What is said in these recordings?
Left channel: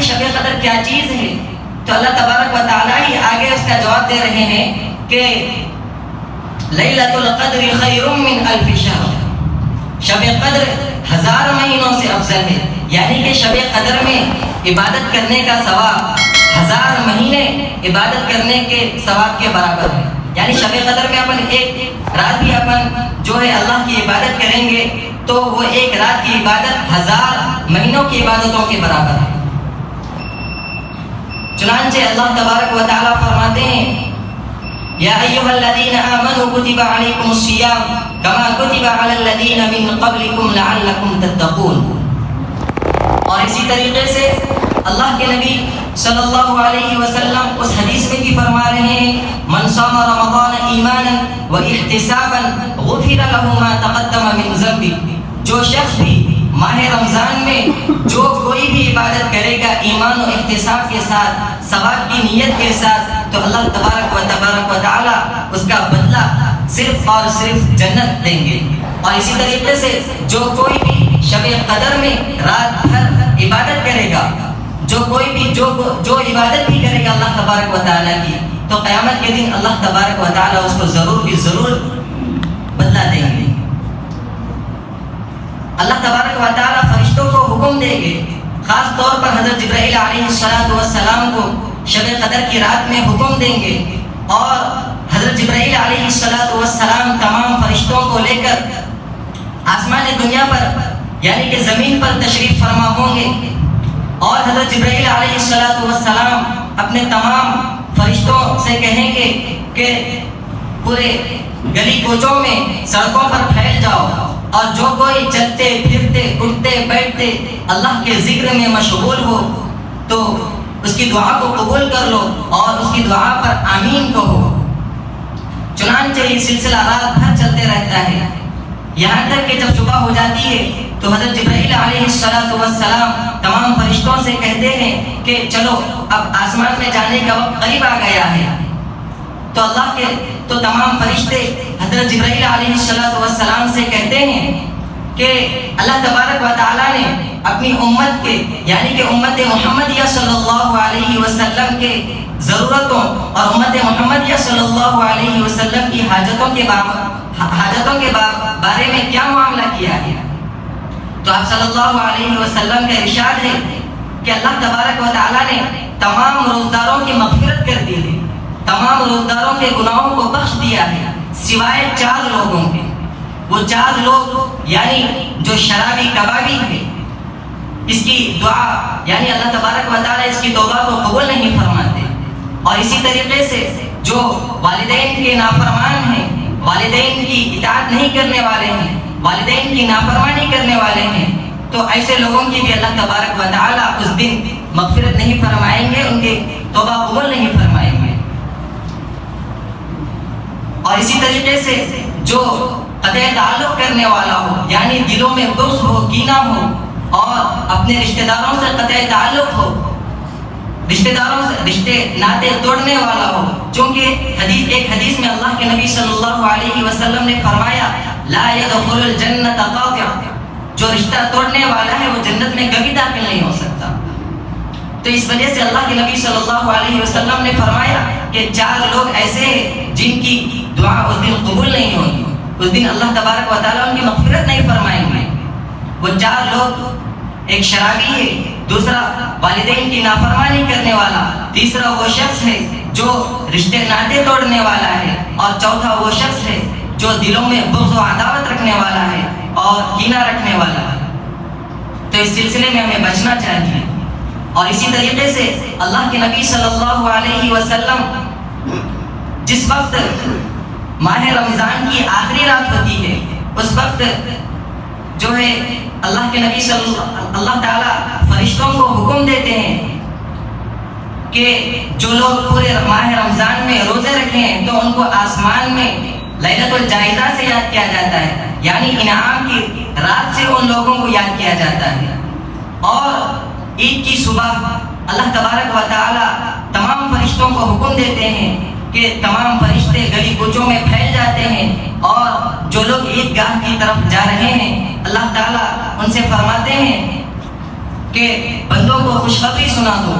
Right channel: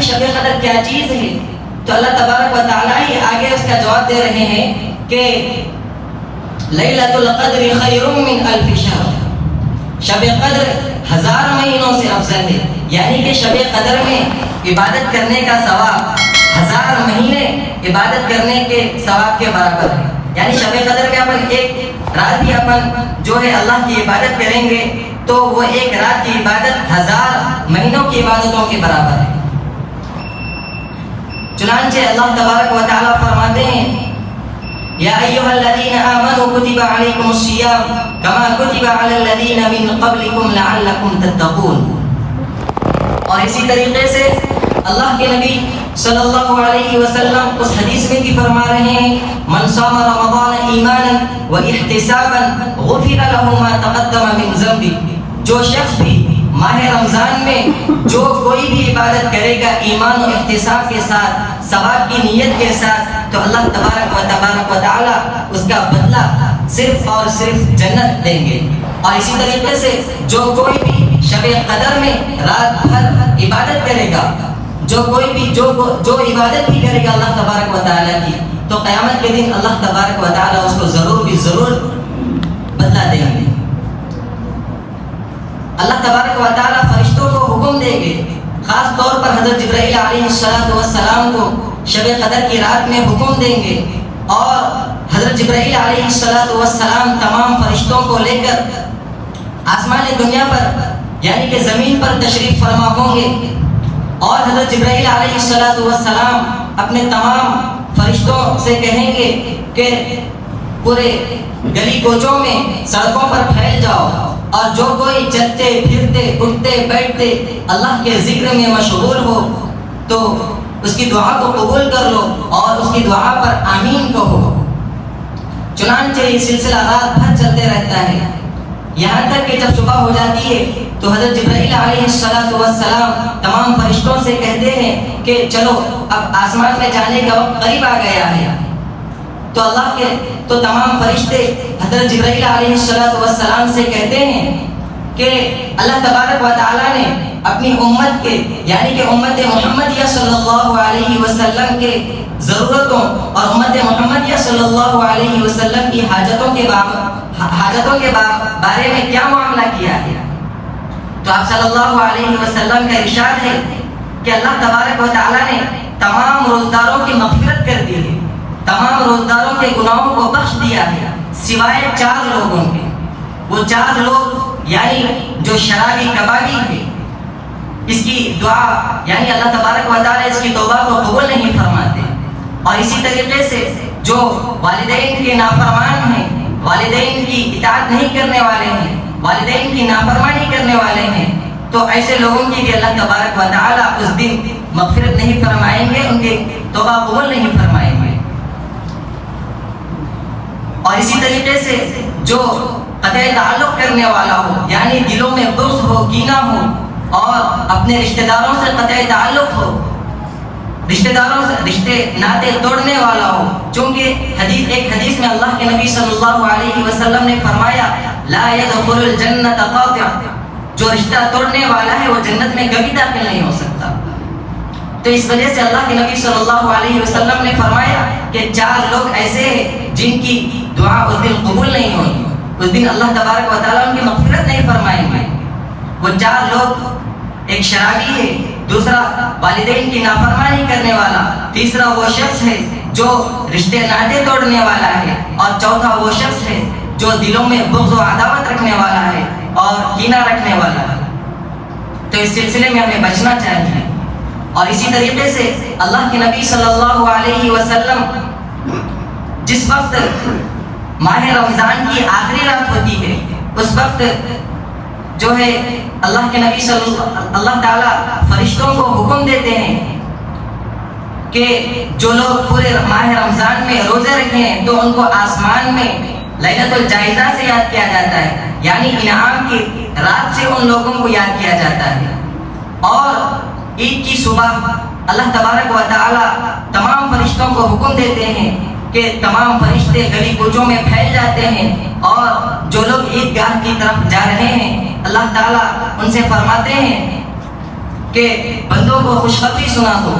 کہ شب قدر کیا چیز ہے، تو اللہ تبارک و تعالیٰ ہی آگے اس کا جواب دے رہے ہیں کہ لیلۃ القدر خیر من الف شہر، شب قدر 1000 مہینوں سے افضل ہے، یعنی کہ شب قدر میں عبادت کرنے کا ثواب 1000 مہینے عبادت کرنے کے ثواب کے برابر ہے۔ یعنی شب قدر میں اپن ایک رات بھی اپن جو ہے اللہ کی عبادت کریں گے تو وہ ایک رات کی عبادت 1000 مہینوں کی عبادتوں کے برابر ہے۔ چنانچہ اللہ تبارک و تعالیٰ فرماتے ہیں یا ایھا الذین آمنوا کتب علیکم الصیام کما کتب علی الذین من قبلکم لعلکم تتقون۔ اور اسی طریقے سے اللہ کے نبی صلی اللہ علیہ وسلم اس حدیث میں بھی فرما رہے ہیں من صام رمضان ایمانا واحتسابا غفر له ما تقدم من ذنبه، جو شخص بھی ماہ رمضان میں جو کوئی بھی عبادت کرے گا ایمان و احتساب کے ساتھ، ثواب کی نیت کے ساتھ، تو اللہ تبارک و تعالی اس کا بدلہ صرف اور صرف جنت دیں گے۔ اور اسی طریقے سے جو کوئی بھی شب قدر میں رات بھر عبادت کرے گا، جو کوئی بھی جو عبادت بھی کرے گا اللہ تبارک و تعالیٰ کی، تو قیامت کے دن اللہ تبارک و تعالیٰ اس کو ضرور بدلہ دیں گے۔ اللہ تبارک و تعالیٰ فرشتوں کو حکم دیں گے، خاص طور پر حضرت جبرائیل علیہ السلام کو شب قدر کی رات میں حکم دیں گے، اور حضرت جبرائیل علیہ السلام تمام فرشتوں کو لے کر آسمان دنیا پر یعنی کہ زمین پر تشریف فرما ہوں گے، اور حضرت جبرائیل علیہ السلام اپنے تمام فرشتوں سے کہیں گے کہ پورے گلی کوچوں میں سڑکوں پر پھیل جاؤ، اور جو کوئی چلتے پھرتے اٹھتے بیٹھتے اللہ کے ذکر میں مشغول ہو تو اس کی دعا کو قبول کر لو اور اس کی دعا پر آمین کہو۔ چنانچہ یہ سلسلہ رات بھر چلتے رہتا ہے، یہاں تک کہ جب صبح ہو جاتی ہے تو حضرت جبرائیل علیہ السلام تمام فرشتوں سے کہتے ہیں کہ چلو اب آسمان میں جانے کا وقت قریب آ گیا ہے، تو تمام فرشتے حضرت جبرائیل علیہ السلام سے کہتے ہیں کہ اللہ تبارک و تعالیٰ نے اپنی امت کے یعنی کہ امت محمدیہ صلی اللہ علیہ وسلم کے ضرورتوں اور امت محمدیہ صلی اللہ علیہ وسلم کی حاجتوں کے بارے میں کیا معاملہ کیا گیا۔ تو آپ صلی اللہ علیہ وسلم کا ارشاد ہے کہ اللہ تبارک و تعالیٰ نے تمام روزداروں کی مغفرت کر دی ہے، تمام روزداروں کے گناہوں کو بخش دیا ہے سوائے 4 لوگوں کے۔ وہ 4 لوگ یعنی جو شرابی کبابی تھے، اس کی دعا یعنی اللہ تبارک و تعالیٰ اس کی توبہ کو قبول نہیں فرماتے، اور اسی طریقے سے جو والدین کے نافرمان ہیں، والدین کی اطاعت نہیں کرنے والے ہیں، والدین کی نافرمانی کرنے والے ہیں، تو ایسے لوگوں کی بھی اللہ تبارک و تعالیٰ اس دن مغفرت نہیں فرمائیں گے، ان کی توبہ قبول نہیں فرمائیں گے۔ اور اسی طریقے سے جو قطع تعلق کرنے والا ہو یعنی دلوں میں بغض ہو، کینہ ہو، اور اپنے رشتہ داروں سے قطع تعلق ہو، رشتے ناطے توڑنے والا ہو، چونکہ ایک حدیث میں اللہ کے نبی صلی اللہ علیہ وسلم نے فرمایا لا يدخل الجنت قاطع، جو رشتہ توڑنے والا ہے وہ جنت میں کبھی داخل نہیں ہو سکتا۔ تو اس وجہ سے اللہ کے نبی صلی اللہ علیہ وسلم نے فرمایا کہ 4 لوگ ایسے ہیں جن کی دعا اس دن قبول نہیں ہوگی، اس دن اللہ تبارک و تعالیٰ ان کی مغفرت نہیں فرمائیں گے۔ وہ 4 لوگ، ایک شرابی ہے، دوسرا والدین کی نافرمانی کرنے والا، تیسرا وہ شخص ہے جو رشتے ناطے توڑنے والا ہے، اور چوتھا وہ شخص ہے جو دلوں میں بغض و عداوت رکھنے والا ہے اور کینہ رکھنے والا ہے۔ تو اس سلسلے میں ہمیں بچنا چاہیے۔ اور اسی طریقے سے اللہ کے نبی صلی اللہ علیہ وسلم جس وقت ماہ رمضان کی آخری رات ہوتی ہے اس وقت جو ہے اللہ تعالیٰ فرشتوں کو حکم دیتے ہیں کہ جو لوگ پورے ماہ رمضان میں روزے رکھے ہیں تو ان کو آسمان میں لیلۃ الجائزہ سے یاد کیا جاتا ہے، یعنی انعام کی رات سے ان لوگوں کو یاد کیا جاتا ہے۔ اور عید کی صبح اللہ تبارک و تعالیٰ تمام فرشتوں کو حکم دیتے ہیں کہ تمام فرشتے گلی کوچوں میں پھیل جاتے ہیں، اور جو لوگ عید گاہ کی طرف جا رہے ہیں اللہ تعالیٰ ان سے فرماتے ہیں کہ بندوں کو خوشخبری سنا دو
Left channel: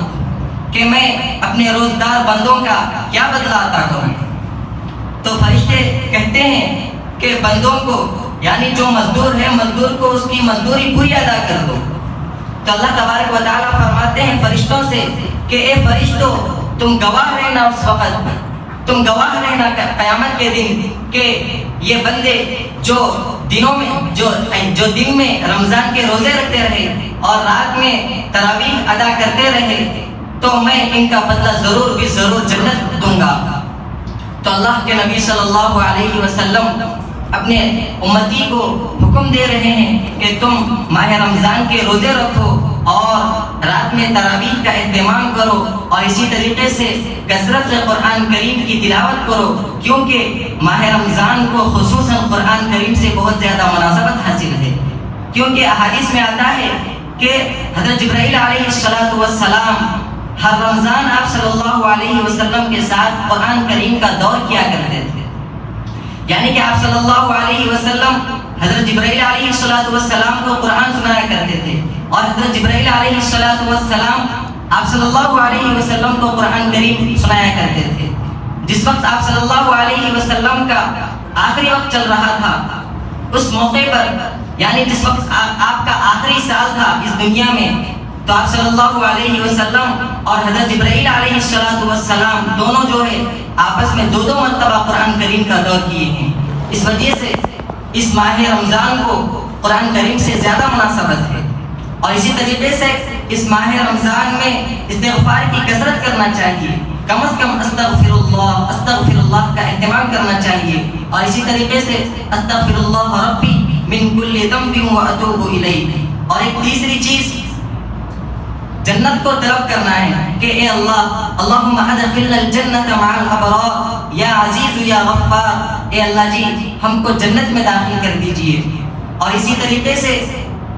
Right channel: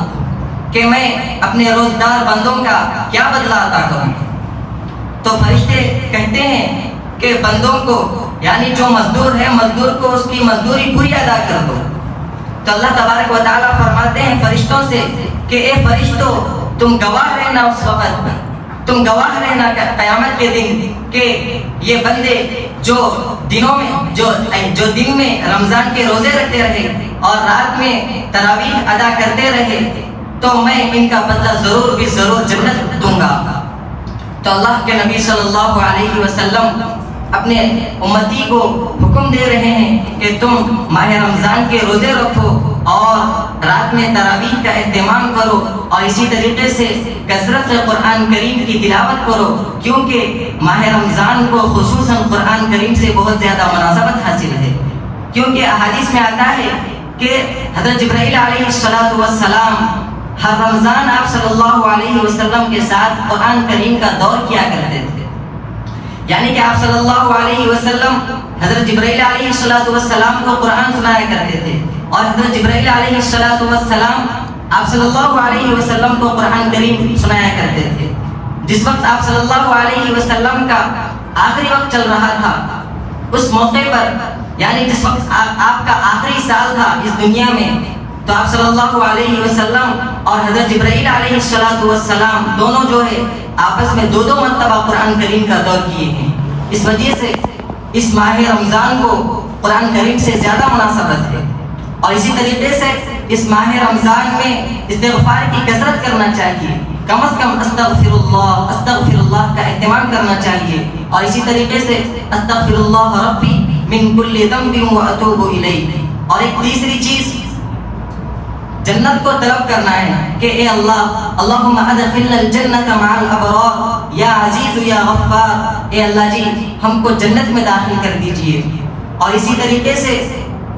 کہ میں اپنے روزدار بندوں کا کیا بدلہ عطا کروں. تو فرشتے کہتے ہیں کہ بندوں کو یعنی جو مزدور ہے مزدور کو اس کی مزدوری پوری ادا کر دو. تو اللہ تبارک و تعالیٰ فرماتے ہیں فرشتوں سے کہ اے فرشتوں تم گواہ رہنا اس وقت پر، تم گواہ رہنا قیامت کے دن کہ یہ بندے جو دنوں میں جو دن میں رمضان کے روزے رکھتے رہے اور رات میں تراویح ادا کرتے رہے تو میں ان کا بدلہ ضرور بھی ضرور جنت دوں گا. تو اللہ کے نبی صلی اللہ علیہ وسلم اپنے امتی کو حکم دے رہے ہیں کہ تم ماہ رمضان کے روزے رکھو اور رات میں تراویح کا اہتمام کرو اور اسی طریقے سے کثرت سے قرآن کریم کی تلاوت کرو، کیونکہ ماہ رمضان کو خصوصاً قرآن کریم سے بہت زیادہ مناسبت حاصل ہے. کیونکہ احادیث میں آتا ہے کہ حضرت جبرائیل علیہ السلام ہر رمضان آپ صلی اللہ علیہ وسلم کے ساتھ قرآن کریم کا دور کیا کرتے تھے. یعنی کہ آپ صلی اللہ علیہ وسلم حضرت جبرائیل علیہ السلام کو قرآن سنایا کرتے تھے اور حضرت جبرائیل علیہ السلام آپ صلی اللہ علیہ وسلم کو قرآن کریم سنایا کرتے تھے. جس وقت آپ صلی اللہ علیہ وسلم کا آخری وقت چل رہا تھا اس موقع پر یعنی جس وقت آپ کا آخری سال تھا اس دنیا میں تو آپ صلی اللہ علیہ وسلم اور حضرت جبرائیل علیہ السلام دونوں جو ہے آپس میں دو مرتبہ قرآن کریم کا دور کیے ہیں. اس وجہ سے اس ماہ رمضان کو قرآن کریم سے زیادہ مناسبت ہے. اور اسی طریقے سے اس ماہ رمضان میں استغفار کی کثرت کرنا چاہیے، کم از کم استغفر اللہ کا اہتمام کرنا چاہیے. اور اسی طریقے سے استغفر اللہ ربی من کل ذنب واتوب الیہ. اور ایک تیسری چیز جنت کو طلب کرنا ہے کہ اے اللہ اللہم ادخلنا الجنت مع الابرار یا عزیز یا غفار. اے اللہ جی ہم کو جنت میں داخل کر دیجئے. اور اسی طریقے سے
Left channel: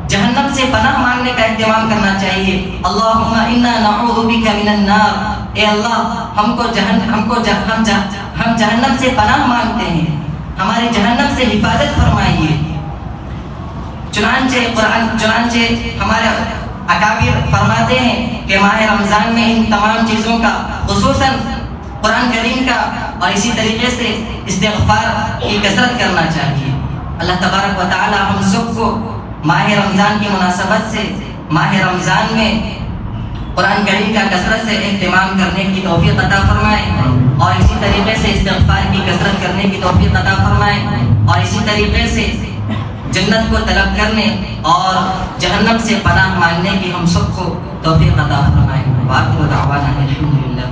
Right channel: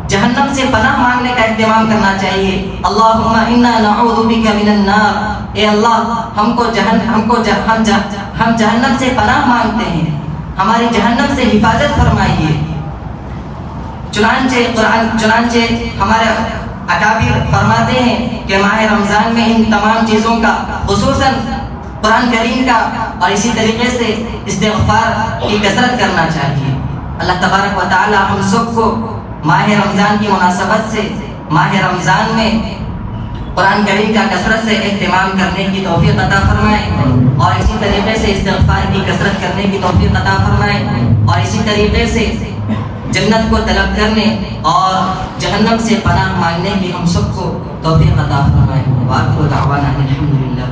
جہنم سے پناہ مانگنے کا اہتمام کرنا چاہیے. اللہم انا نعوذ بک من النار. اے اللہ ہم جہنم سے پناہ مانگتے ہیں، ہماری جہنم سے حفاظت فرمائیے. چنانچہ ہمارے اکابر فرماتے ہیں کہ ماہ رمضان میں ان تمام چیزوں کا خصوصاً قرآن کریم کا اور اسی طریقے سے استغفار کی کثرت کرنا چاہیے. اللہ تبارک و تعالی ہم سب کو ماہ رمضان کی مناسبت سے ماہ رمضان میں قرآن کریم کا کثرت سے اہتمام کرنے کی توفیق عطا فرمائے اور اسی طریقے سے استغفار کی کثرت کرنے کی توفیق عطا فرمائے اور اسی طریقے سے جنت کو طلب کرنے اور جہنم سے پناہ مانگنے کی ہم سب کو توفیق عطا فرمائے. وآخر دعوانا الحمدللہ.